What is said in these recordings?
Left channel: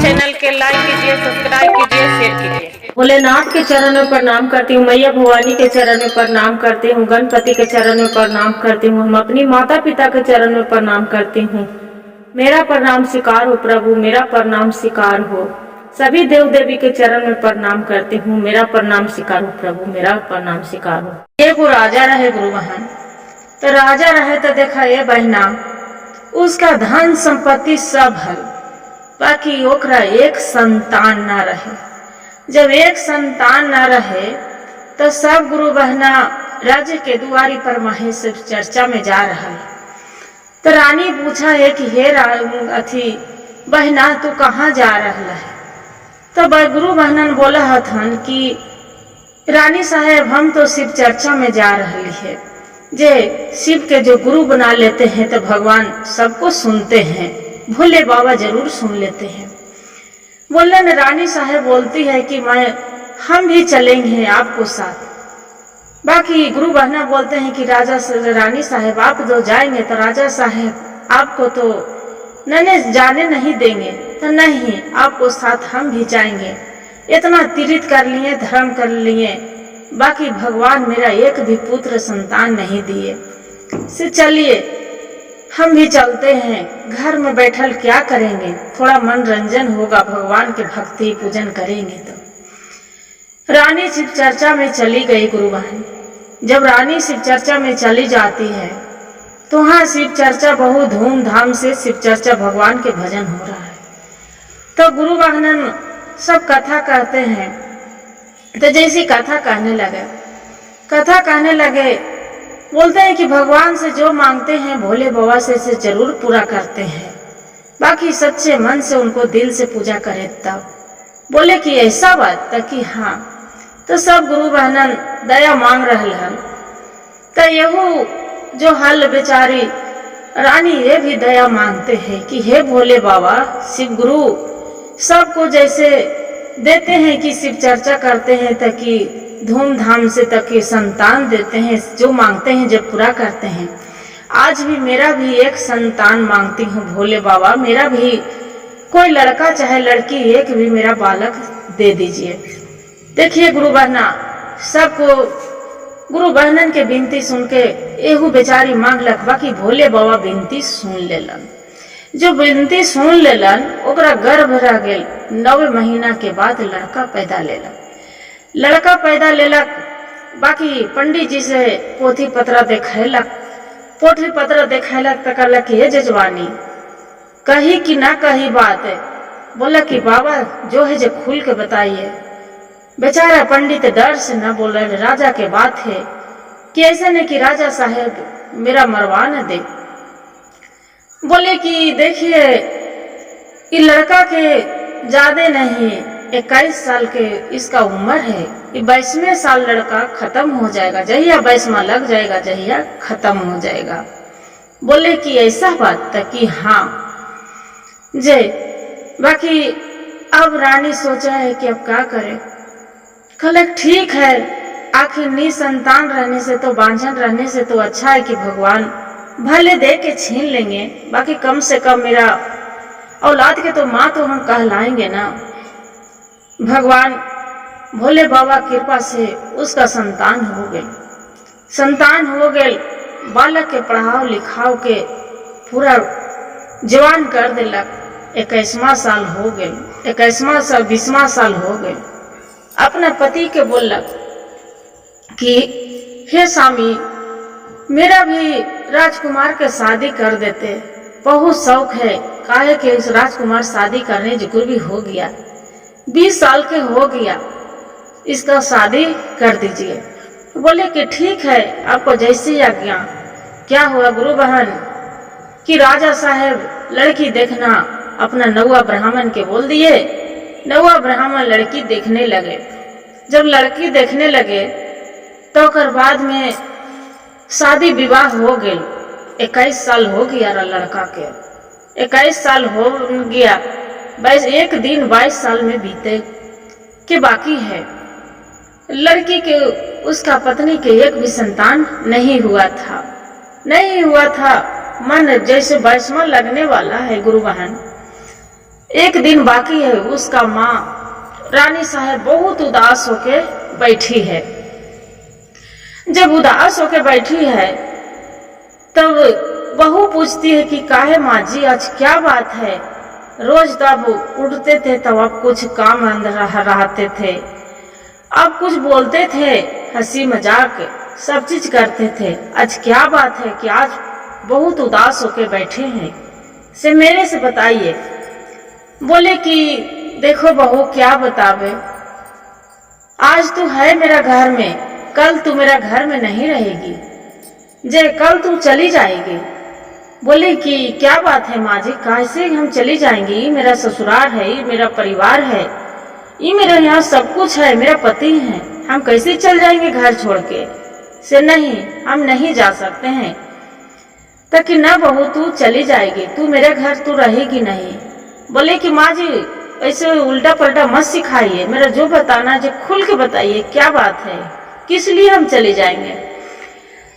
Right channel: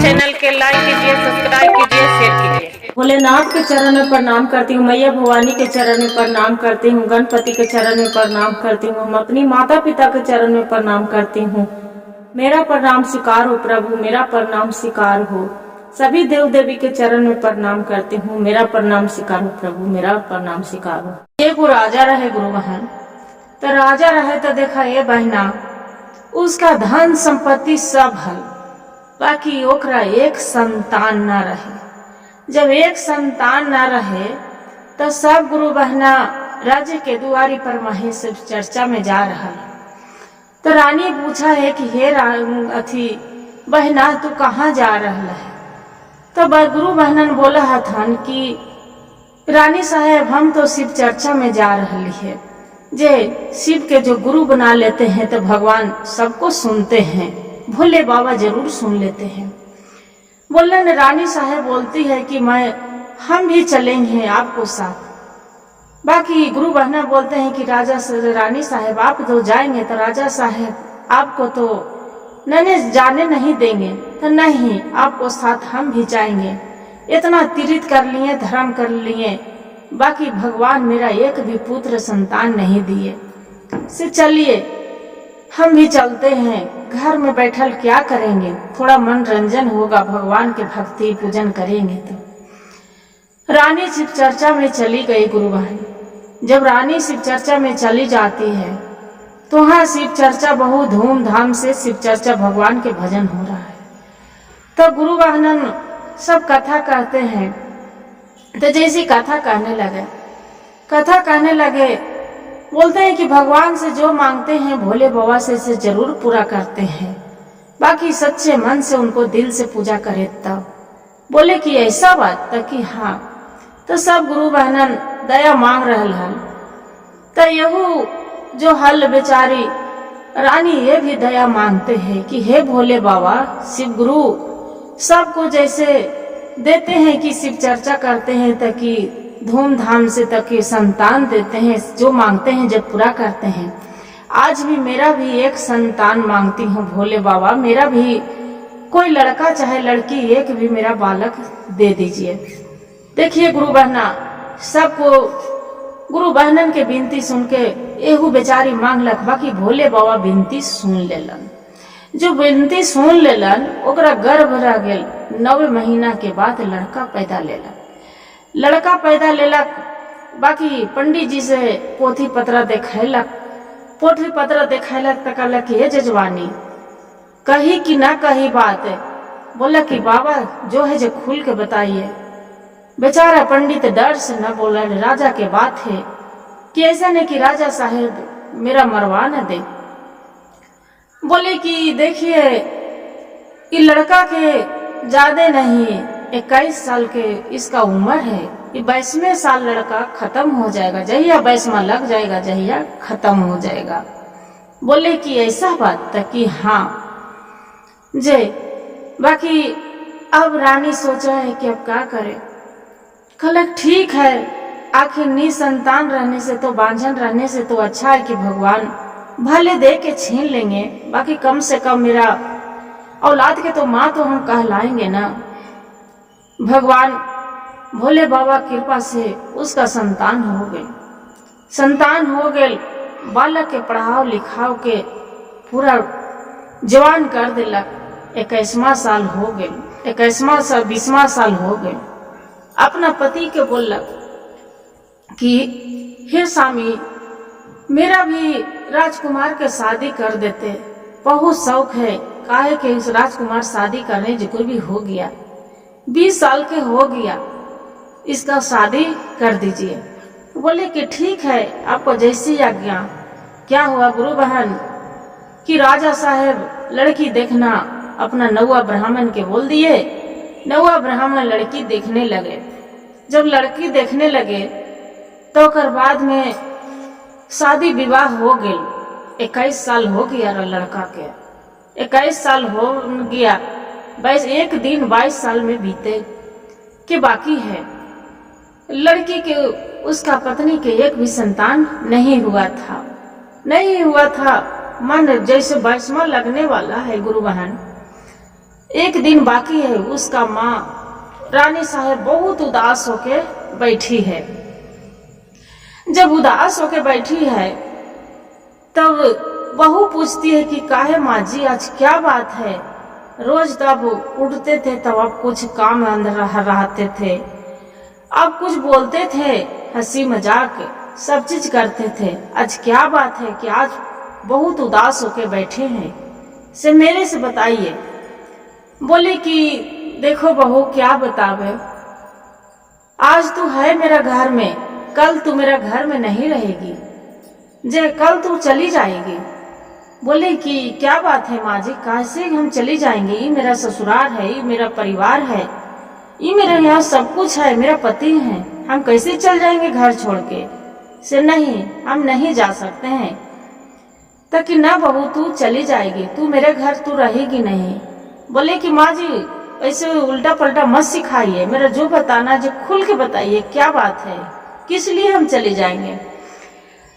Channel के like कीजिए, subscribe कीजिए, शेयर कीजिए। भोलेनाथ के चरण में प्रणाम करती हूँ, मैया भवानी के चरण में प्रणाम करती हूँ, गणपति के चरण में प्रणाम करती हूँ, हम अपनी माता पिता के चरण में प्रणाम करती हूँ। मेरा प्रणाम स्वीकार हो प्रभु, मेरा प्रणाम स्वीकार हो। सभी देव देवी के चरण में प्रणाम करती हूँ, मेरा प्रणाम स्वीकार हो प्रभु, मेरा प्रणाम स्वीकार हो। ये वो राजा रहे गुरु बहन, तो राजा रहे तो देखा ये बहना, उसका धन संपत्ति सब है, बाकी ओकरा एक संतान न रहे। जब एक संतान न रहे तो सब गुरु बहना राज्य के दुआरी पर महेश चर्चा में जा रहा है। तो रानी पूछा है कि हे अथी बहना तू कहाँ जा रहा है? तो गुरु बहनन बोला हथन कि रानी साहेब हम तो शिव चर्चा में जा रही है। जे शिव के जो गुरु बना लेते हैं तो भगवान सबको सुनते हैं, भोले बाबा जरूर सुन लेते हैं। बोले न रानी साहेब बोलती है कि हम भी चलेंगे आपको साथ। बाकी गुरु बहना बोलते हैं कि रानी साहेब आप जो जाएंगे तो राजा साहेब आपको तो नने जाने नहीं देंगे। तो नहीं, आपको साथ हम भी जाएंगे। इतना तीर्थ कर लिए, धर्म कर लिए, बाकी भगवान मेरा एक भी पुत्र संतान नहीं दिए, से चलिए हम भी चलते हैं। घर में बैठल क्या करेंगे, थोड़ा मनोरंजन होगा, भगवान के भक्ति पूजन करेंगे। तो रानी शिव चर्चा में चली गई गुरु बहन। जब रानी शिव चर्चा में चली जाती है तो वहाँ शिव चर्चा बहुत धूमधाम से शिव चर्चा भगवान के भजन हो रहा है। तो गुरु बहनन सब कथा कहते हैं। तो जैसी कथा कहने लगे बोलते हैं कि भगवान से जो मांगते हैं भोले बाबा से जरूर पूरा करते हैं, बाकी सच्चे मन से उनको दिल से पूजा करे। तब बोले कि ऐसा बात तक कि हाँ। तो सब गुरु बहनन दया मांग रहल हन। तो यहू जो हल बेचारी रानी ये भी दया मांगते हैं कि हे भोले बाबा शिव गुरु सबको जैसे देते हैं कि शिव चर्चा करते हैं ताकि धूमधाम से तक के संतान देते हैं, जो मांगते हैं जब पूरा करते हैं। आज भी मेरा भी एक संतान मांगती हूँ भोले बाबा, मेरा भी कोई लड़का चाहे लड़की एक भी मेरा बालक दे दीजिए। देखिए गुरु बहना सबको गुरु बहनन के विनती सुन के एहू बेचारी मांगलक, बाकी भोले बाबा विनती सुन लेलन। जो विनती सुन लेलन ओकरा गर्भ रह गेल। 9 महीना के बाद लड़का पैदा लेलक। बाकी पंडित जी से पोथी पत्रा देखैलक तो कहलक कि हे जजवानी कही कि ना कही बात है। बोला कि बाबा जो है जो खुल के बताइए। बेचारा पंडित डर से न बोल रहे। राजा के बात है कि ऐसा नहीं कि राजा साहेब मेरा मरवा न दे। बोले कि देखिए ये लड़का के ज्यादा नहीं 21 साल के इसका उम्र है, ये 22वें साल लड़का खत्म हो जाएगा, जहिया 22वां लग जाएगा जहिया खत्म हो जाएगा। बोले कि ऐसा बात तक कि हाँ जे। बाकी अब रानी सोचा है कि अब क्या करे। कहलक ठीक है, आखिर निसंतान रहने से तो बांझन रहने से तो अच्छा है कि भगवान भले दे के छीन लेंगे, बाकी कम से कम मेरा औलाद के तो माँ तो हम कहलाएंगे ना। भगवान भोले बाबा कृपा से उसका संतान हो गए। बालक के पढ़ाओ लिखाओ के पूरा जवान कर दिलक। 21वां साल हो गए, 20वां साल हो गए। अपना पति के बोलक कि हे स्वामी मेरा भी राजकुमार के शादी कर देते, बहुत शौक है। काहे के राजकुमार शादी करने जो भी हो गया, 20 साल के हो गया, इसका शादी कर दीजिए। बोले कि ठीक है, आपको जैसी आज्ञा। क्या हुआ गुरु बहन कि राजा साहेब लड़की देखना अपना नौवा ब्राह्मण के बोल दिए। नौवा ब्राह्मण लड़की देखने लगे। जब लड़की देखने लगे तो कर बाद में शादी विवाह हो गई। 21 साल हो गया लड़का के, 21 साल हो गया। 22 साल में बीते के बाकी है। लड़की के उसका पत्नी के एक भी संतान नहीं हुआ था। मन जैसे बैसमा लगने वाला है गुरु बहन। एक दिन बाकी है, उसका माँ रानी साहब बहुत उदास होके बैठी है। जब उदास होके बैठी है तब बहू पूछती है कि काहे माँ जी आज क्या बात है? रोज तब उठते थे तब आप कुछ काम अंदर रहते थे, अब कुछ बोलते थे, हंसी मजाक सब चीज करते थे, आज क्या बात है कि आज बहुत उदास होके बैठे हैं? से मेरे से बताइए। बोले कि देखो बहू क्या बतावे, आज तू है मेरा घर में, कल तू मेरा घर में नहीं रहेगी, जे कल तू चली जाएगी। बोले कि क्या बात है माँ जी, कैसे हम चली जाएंगे? ये मेरा ससुराल है, ये मेरा परिवार है, ये मेरे यहाँ सब कुछ है, मेरा पति है, हम कैसे चल जाएंगे घर छोड़ के? से नहीं, हम नहीं जा सकते हैं। ताकि ना बहू तू चली जाएगी, तू मेरे घर तू रहेगी नहीं। बोले कि माँ जी ऐसे उल्टा पलटा मत सिखाइए, मेरा जो बताना है जो खुल के बताइए, क्या बात है, किस लिए हम चले जाएंगे?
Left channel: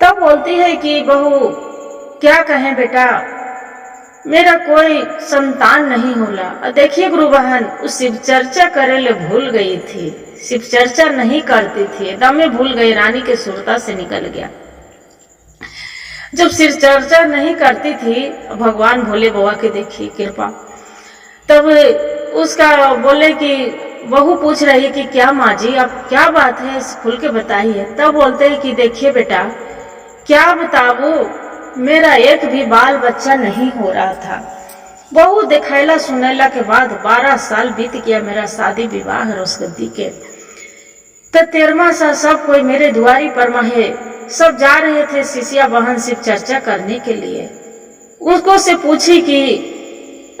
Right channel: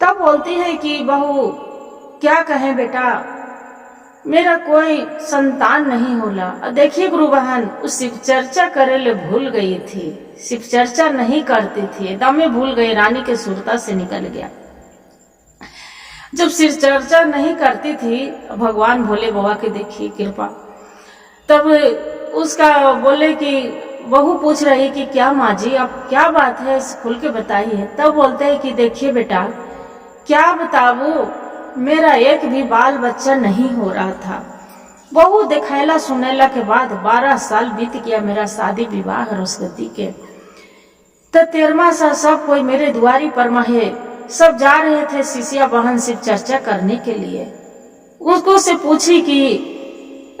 तब बोलती है कि बहू क्या कहें बेटा, मेरा कोई संतान नहीं होला। और देखिए गुरु बहन, उस शिव चर्चा करे ले भूल गई थी, शिव चर्चा नहीं करती थी, एकदम में भूल गई, रानी के सुरता से निकल गया। जब शिव चर्चा नहीं करती थी, भगवान भोले बाबा की देखी कृपा, तब उसका बोले कि बहू पूछ रही कि क्या माँ जी अब क्या बात है, खुल के बताइए। तब बोलते हैं कि देखिए बेटा क्या बताऊं, मेरा एक भी बाल बच्चा नहीं हो रहा था। बहू दिखैला सुनैला के बाद 12 साल बीत गया मेरा शादी विवाह रोसगद्दी के। तो 13वां साल सब कोई मेरे दुआरी पर महे, सब जा रहे थे शिष्या बहन शिव चर्चा करने के लिए। उसको से पूछी कि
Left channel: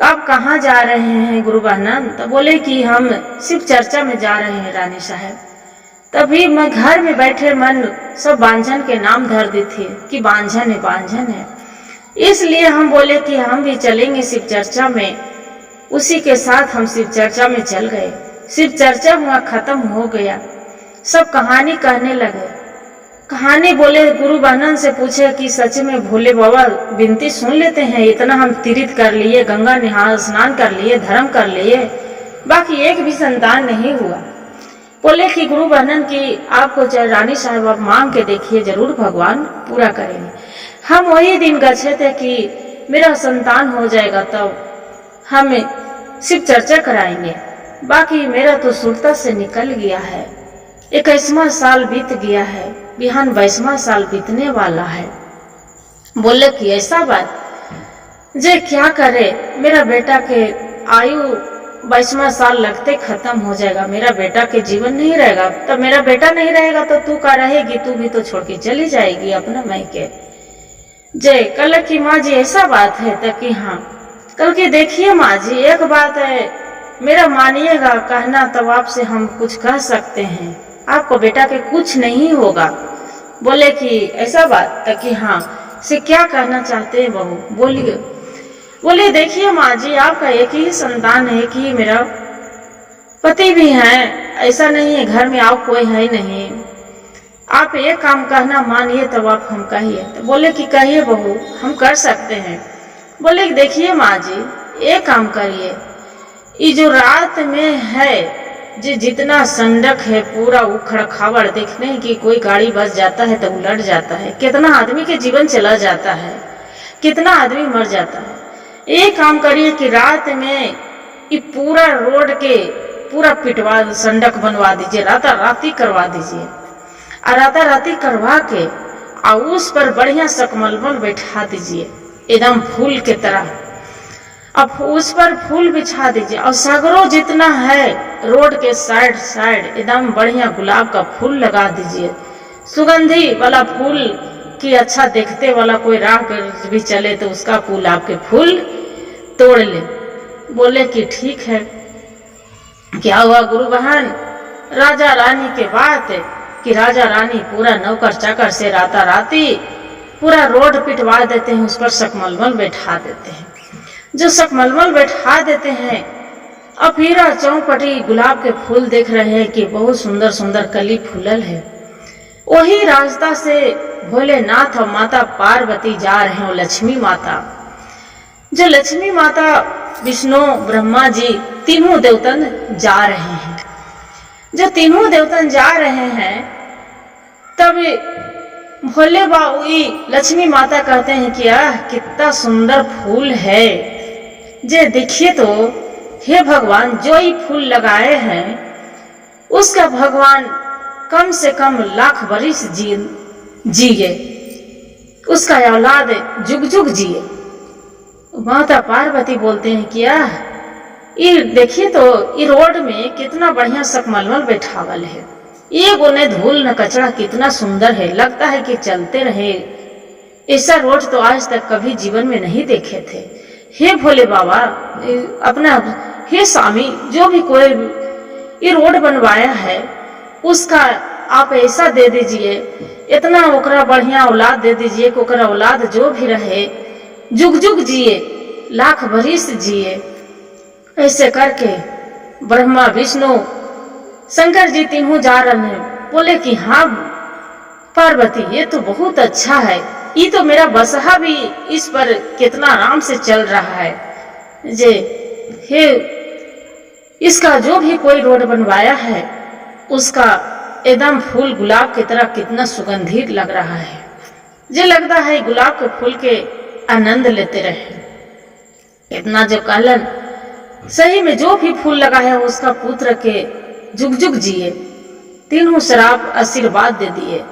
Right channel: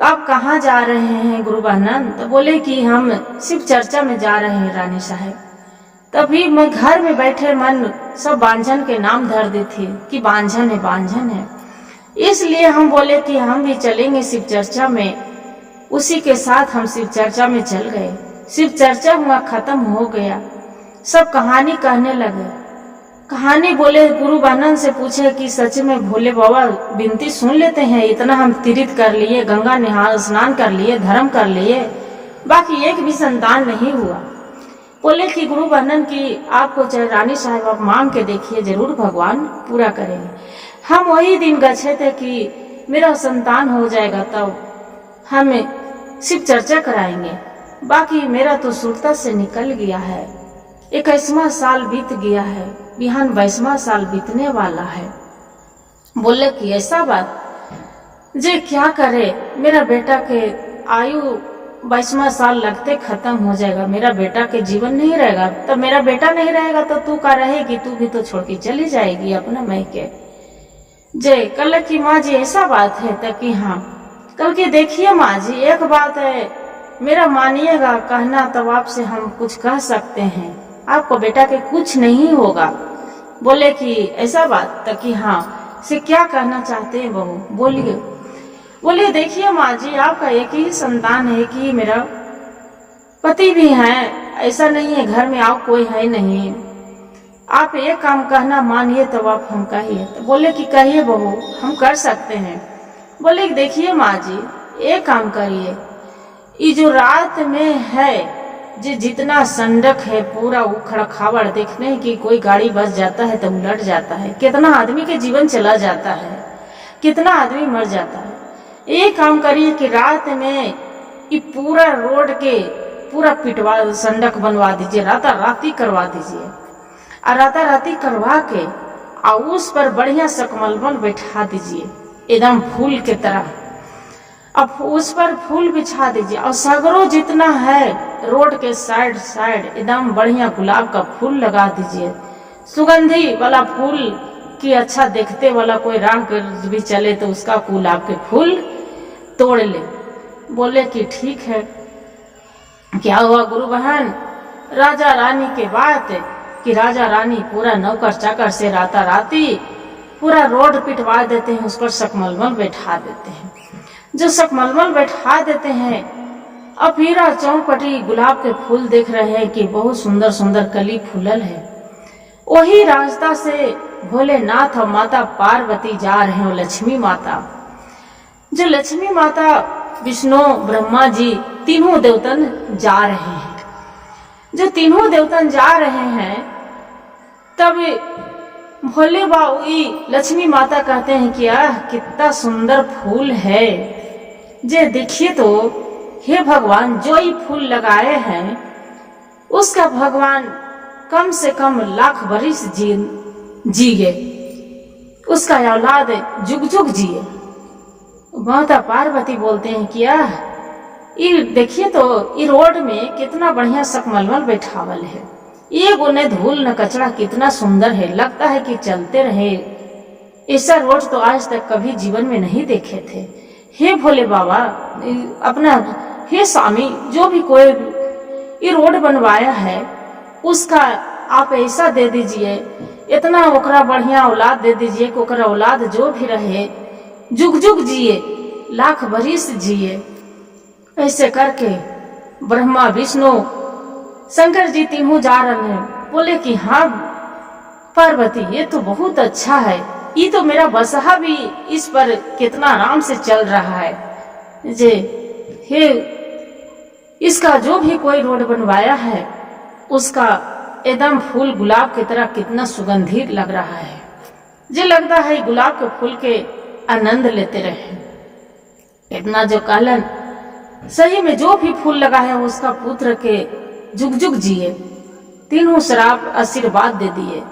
आप कहाँ जा रहे हैं गुरु बहन? तो बोले कि हम शिव चर्चा में जा रहे हैं रानी साहब। तभी मैं घर में बैठे मन सब बांझन के नाम धर दी थी कि बांझन है बांझन है, इसलिए हम बोले कि हम भी चलेंगे शिव चर्चा में। उसी के साथ हम शिव चर्चा में चल गए। शिव चर्चा हुआ, खत्म हो गया, सब कहानी कहने लगे। कहानी बोले गुरु बहनन से पूछे कि सच में भोले बाबा विनती सुन लेते हैं? इतना हम तीर्थ कर लिए, गंगा नहा स्नान कर लिए, धर्म कर लिए, बाकी एक भी संतान नहीं हुआ। बोले कि गुरु बहनन की आपको चाहे रानी साहब आप मांग के देखिए, जरूर भगवान पूरा करेंगे। हम वही दिन गए थे कि मेरा संतान हो जाएगा तब हम शिव चर्चा कराएंगे, बाकी मेरा तो सुरता से निकल गया है। 21वां साल बीत गया है, बिहान 22वां साल बीतने वाला है। बोले कि ऐसा बात, जे क्या करे, मेरा बेटा के आयु 22वां साल लगते खत्म हो जाएगा, मेरा बेटा के जीवन नहीं रहेगा। तब मेरा बेटा नहीं रहेगा तो तू का रहेगी, तू भी तो छोड़ के चली जाएगी अपना मैके। जय कल की माँ जी ऐसा बात है तक कि हाँ। कल की देखिए माँ जी एक बात है, मेरा मानिएगा कहना, तब आपसे हम कुछ कह सकते हैं, आपको बेटा के कुछ नहीं होगा। बोले कि ऐसा बात तक कि हाँ। से क्या कहना चाहते हैं बहू, बोलिए। बोले देखिए माँ जी आपका एक ही संतान है कि मेरा पति भी है, ऐसा नहीं है घर में आप कोई है नहीं, आप एक काम कहना मानिए तब आप हम कहिए। तो बोले कि कहिए बहू, हम कर सकते हैं। बोले कि देखिए माँ जी एक काम करिए, ये जो रात में है जो जितना संडक है पूरा उखड़ खावड़, देखने की कोई गाड़ी बस जाता है तो उलट जाता है, कितना आदमी के जीवन चला जाता है, कितना आदमी मर जाता है। एक काम करिए कि रात में ये पूरा रोड के पूरा पिटवा संडक बनवा दीजिए, राता राती करवा दीजिए, और राता राती करवा के और उस पर बढ़िया सकमलमल बैठा दीजिए एकदम फूल के तरह। अब उस पर फूल बिछा दीजिए और सगरों जितना है रोड के साइड साइड एकदम बढ़िया गुलाब का फूल लगा दीजिए, सुगंधी वाला फूल कि अच्छा देखते वाला कोई राह भी चले तो उसका गुलाब के फूल तोड़ ले। बोले कि ठीक है। क्या हुआ गुरु बहन, राजा रानी के बात है कि राजा रानी पूरा नौकर चाकर से राता राती पूरा रोड पिटवा देते हैं, उस पर सकमलमल बैठा देते हैं। जो सकमलमल बैठा देते हैं, अब हीरा चौपटी गुलाब के फूल देख रहे हैं कि बहुत सुंदर सुंदर कली फूलल है। वही रास्ता से भोलेनाथ और माता पार्वती जा रहे हैं, लक्ष्मी माता। जो लक्ष्मी माता, विष्णु, ब्रह्मा जी तीनों देवतन जा रहे हैं। जो तीनों देवतन जा रहे हैं तब भोले बाबू लक्ष्मी माता कहते हैं कि कितना सुंदर फूल है, जे देखिए तो हे भगवान, जो ही फूल लगाए हैं उसका भगवान कम से कम लाख बरिस जिए, उसका औलाद जुग जुग जिए। माता पार्वती बोलते हैं कि ये देखिए तो ये रोड में कितना बढ़िया सकमलमल बैठावल है, ये गोने धूल न कचरा कितना सुंदर है, लगता है कि चलते रहे। ऐसा रोड तो आज तक कभी जीवन में नहीं देखे थे। हे भोले बाबा, अपना हे स्वामी, जो भी कोई ये रोड बनवाया है उसका आप ऐसा दे दीजिए, इतना ओकरा बढ़िया औलाद दे दीजिए कि ओकरा औलाद जो भी रहे जुग जुग जिए, लाख बरिस जिए। ऐसे करके ब्रह्मा, विष्णु, शंकर जी तीनों जा रहे हैं। बोले कि हाँ पार्वती, ये तो बहुत अच्छा है, ये तो मेरा बसहा भी इस पर कितना आराम से चल रहा है। जे हे, इसका जो भी कोई रोड बनवाया है उसका एकदम फूल गुलाब की तरह कितना सुगंधित लग रहा है, जे लगता है गुलाब के फूल के आनंद लेते रहे। इतना जो कहलन, सही में जो भी फूल लगा है उसका पुत्र के जुग जुग जिए। तीनों श्राप आशीर्वाद दे दिए,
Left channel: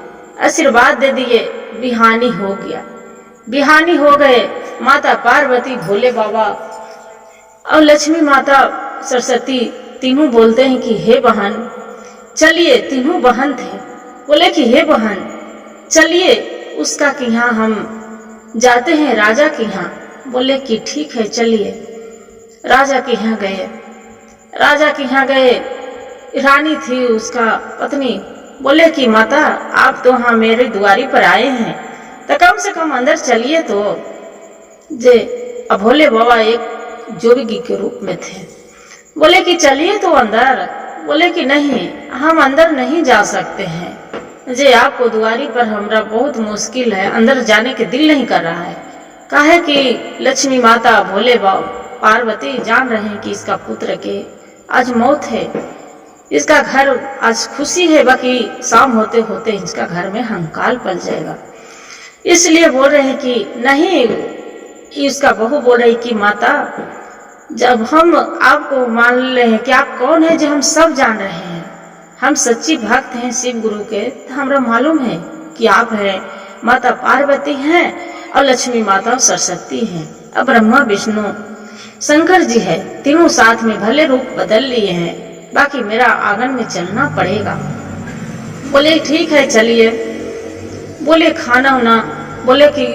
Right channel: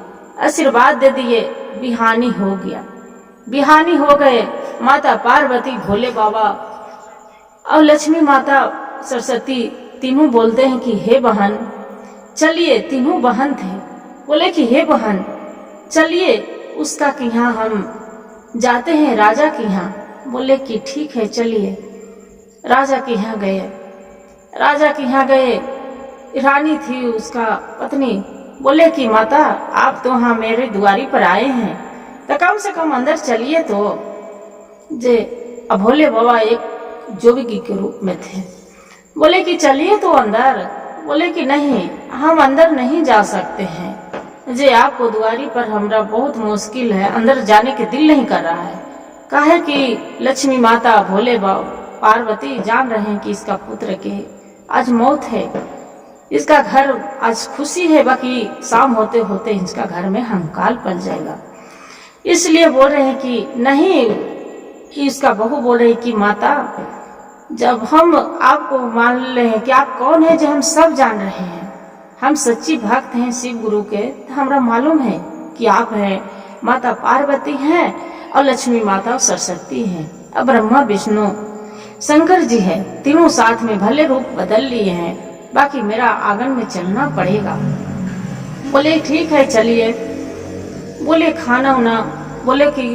आशीर्वाद दे दिए। बिहानी हो गया, बिहानी हो गए। माता पार्वती, भोले बाबा और लक्ष्मी माता सरस्वती तीनों बोलते हैं कि हे बहन चलिए, तीनों बहन थे। बोले कि हे बहन चलिए, उसका के यहाँ हम जाते हैं, राजा के यहाँ। बोले कि ठीक है चलिए। राजा के यहाँ गए, राजा के यहाँ गए। रानी थी उसका पत्नी। बोले कि माता, आप तो हाँ मेरे द्वारी पर आए हैं, तो कम से कम अंदर चलिए। तो जे भोले बाबा एक जोगी के रूप में थे। बोले कि चलिए तो अंदर। बोले कि नहीं, हम अंदर नहीं जा सकते हैं, जे आपको द्वारी पर हमरा बहुत मुश्किल है, अंदर जाने के दिल नहीं कर रहा है। काहे कि लक्ष्मी माता, भोले बाबा, पार्वती जान रहे हैं कि इसका पुत्र के आज मौत है, इसका घर आज खुशी है, बाकी शाम होते होते इसका घर में हंकाल पल जाएगा। इसलिए बोल रहे हैं कि नहीं। इसका बहू बोल रही कि माता, जब हम आपको मान ले हैं कि आप कौन है, जो हम सब जान रहे हैं, हम सच्ची भक्त हैं शिव गुरु के, तो हमरा मालूम है कि आप हैं माता पार्वती हैं और लक्ष्मी माता और सरस्वती हैं और ब्रह्मा विष्णु शंकर जी है। तीनों साथ में भले रूप बदल लिए हैं, बाकी मेरा आंगन में चलना पड़ेगा। बोले ठीक है चलिए। बोले खाना होना। बोले कि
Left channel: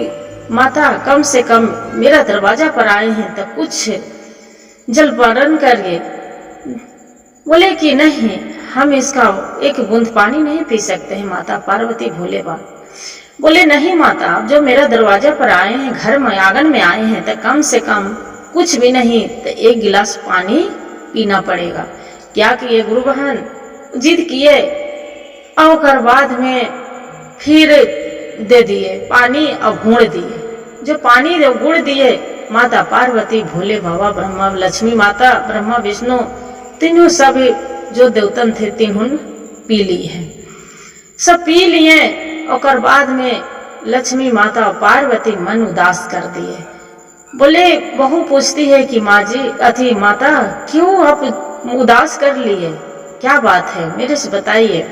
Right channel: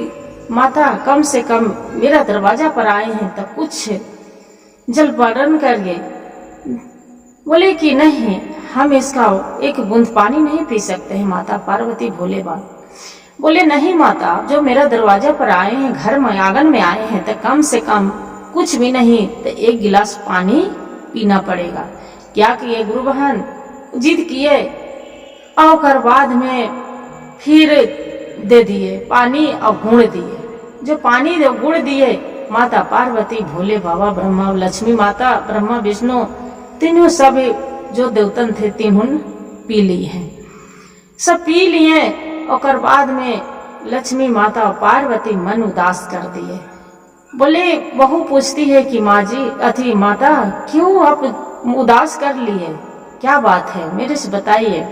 माता, कम से कम मेरा दरवाजा पर आए हैं तो कुछ जलपान करिए। बोले कि नहीं, हम इसका एक बूंद पानी नहीं पी सकते हैं माता पार्वती, भोले बाबा। बोले नहीं माता, जो मेरा दरवाजा पर आए हैं, घर में आंगन में आए हैं, तो कम से कम कुछ भी नहीं तो एक गिलास पानी पीना पड़ेगा। क्या किए गुरु बहन, जिद किए और बाद में फिर दे दिए पानी और गुड़ दिए। जो पानी गुड़ दिए, माता पार्वती, भोले बाबा, ब्रह्मा, लक्ष्मी माता, ब्रह्मा विष्णु तीनों सब जो देवतन थे तीनों पी लिए हैं। सब पी लिए और बाद में लक्ष्मी माता पार्वती मन उदास कर दिए। बोले बहू पूछती है कि माँ जी, अथी माता, क्यों आप उदास कर लिए, क्या बात है, मेरे से बताइए।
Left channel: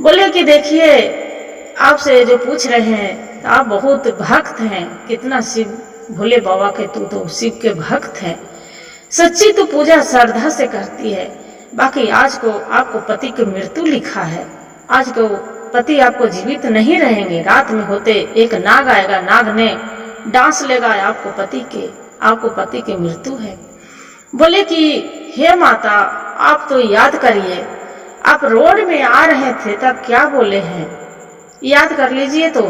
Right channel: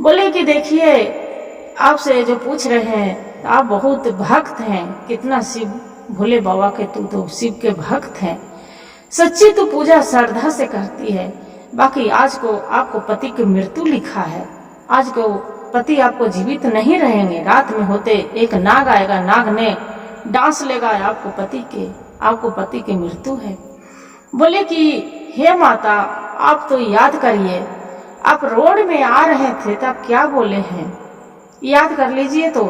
बोले कि देखिए, आपसे जो पूछ रहे हैं, तो आप बहुत भक्त हैं, कितना शिव भोले बाबा के तू तो शिव के भक्त हैं, सच्ची तो पूजा श्रद्धा से करती है। बाकी आज को आपको पति की मृत्यु लिखा है, आज को पति आपको जीवित नहीं रहेंगे। रात में होते एक नाग आएगा, नाग ने डांस लेगा आपको पति की मृत्यु है। बोले कि हे माता, आप तो याद करिए, आप रोड में आ रहे थे तब क्या बोले हैं, याद कर लीजिए। तो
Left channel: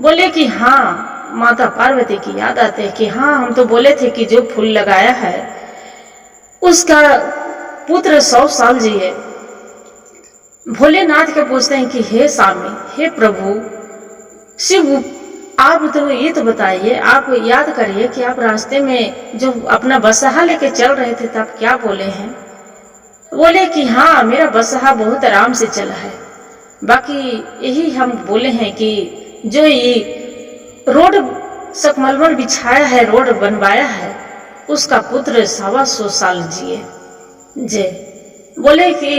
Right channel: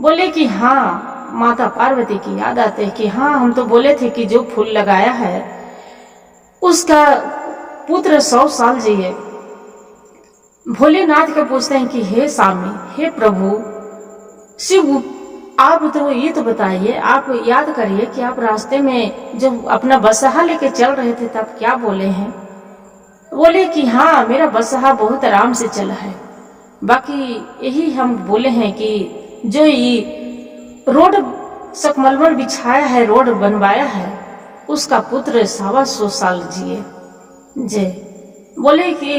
बोले कि हाँ, माता पार्वती की याद आते कि हाँ, हम तो बोले थे कि जो फूल लगाया है उसका पुत्र 100 साल जिए। भोलेनाथ के पूछते हैं कि हे स्वामी, हे प्रभु, शिव आप तो ये तो बताइए, आप याद करिए कि आप रास्ते में जो अपना बसहा लेके चल रहे थे तब क्या बोले हैं? बोले कि हाँ मेरा बसहा बहुत आराम से चला है। बाकी यही हम बोले हैं कि जो ये रोड सकमलमल बिछाया है, रोड बनवाया है, उसका पुत्र 125 साल जिए। जे बोले कि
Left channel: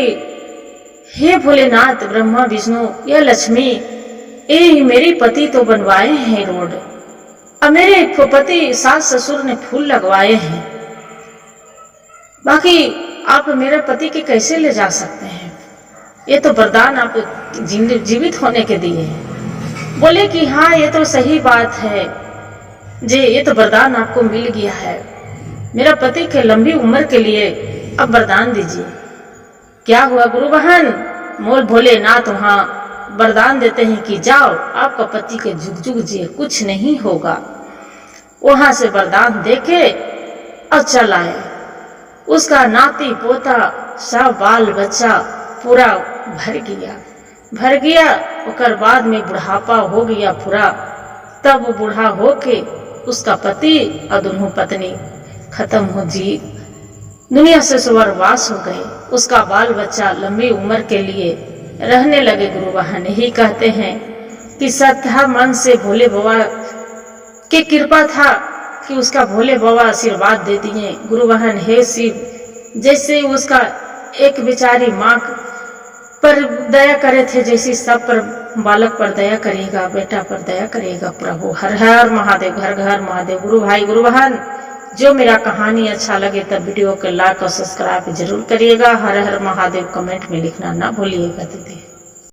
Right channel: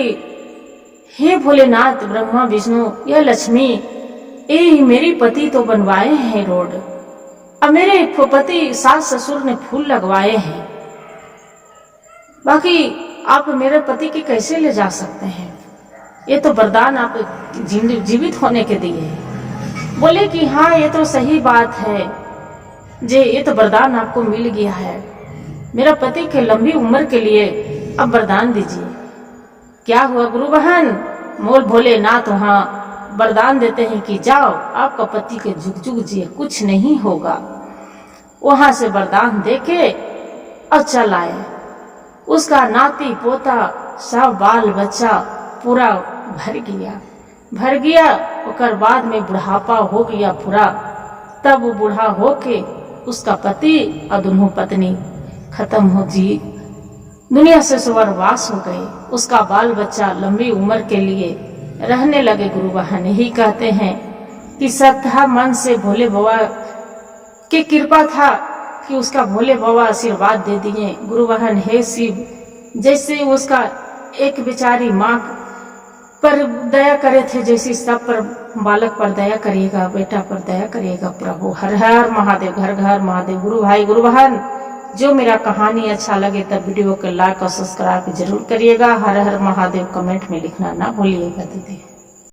हे भोलेनाथ, ब्रह्मा विष्णु या लक्ष्मी, ये मेरे पति तो बनवाए हैं रोड, अब मेरे पति सास ससुर ने फूल लगवाए हैं, बाकी आप मेरे पति के कैसे ले जा सकते हैं? ये तो वरदान आप जीवित होने के दिए हैं। बोले कि हाँ ये तो सही बात है जे, ये तो वरदान आपको मिल गया है, मेरा पति के लंबी उम्र के लिए अब वरदान दीजिए। क्या हुआ गुरु बहन? मोल भोलेनाथ वहाँ वरदान देते हैं कि जाओ आपका पति के जुग जुग जिए, कुछ नहीं होगा। वहां से वरदान देके और चल आए। उसका नाती पोता सब बाल बच्चा पूरा भर गया। और बाद में बुढ़ापा हो गया पूरा। तब वो बूढ़ा होके उसका पति और दोनों पत्नी खत्म हो जी, दुनिया से स्वर्गवास हो गए। उसका बाल बच्चा लंबी उम्र के लिए रहने लगे। गुरु बहन यही कहते हैं कि श्रद्धा मन से भोले बाबा की कृपा था कि उसका भोले बाबा आशीर्वाद दे दिए। गुरु बहन हे शिव, जैसे उसका एक बेचारी माँ पर दया करे थे, जैसे सब पर बालक पर दया करिएगा, बेटा पर दया करिएगा प्रभु। हर हर महादेव, घर घर महादेव। गुरु भाई गुरु बहन, जो मेरा कहानी अच्छा लगे तब वीडियो को लाइक और सब्सक्राइब जरूर करिएगा। हर हर महादेव कमेंट में लिखना ना भूलिएगा दीदी।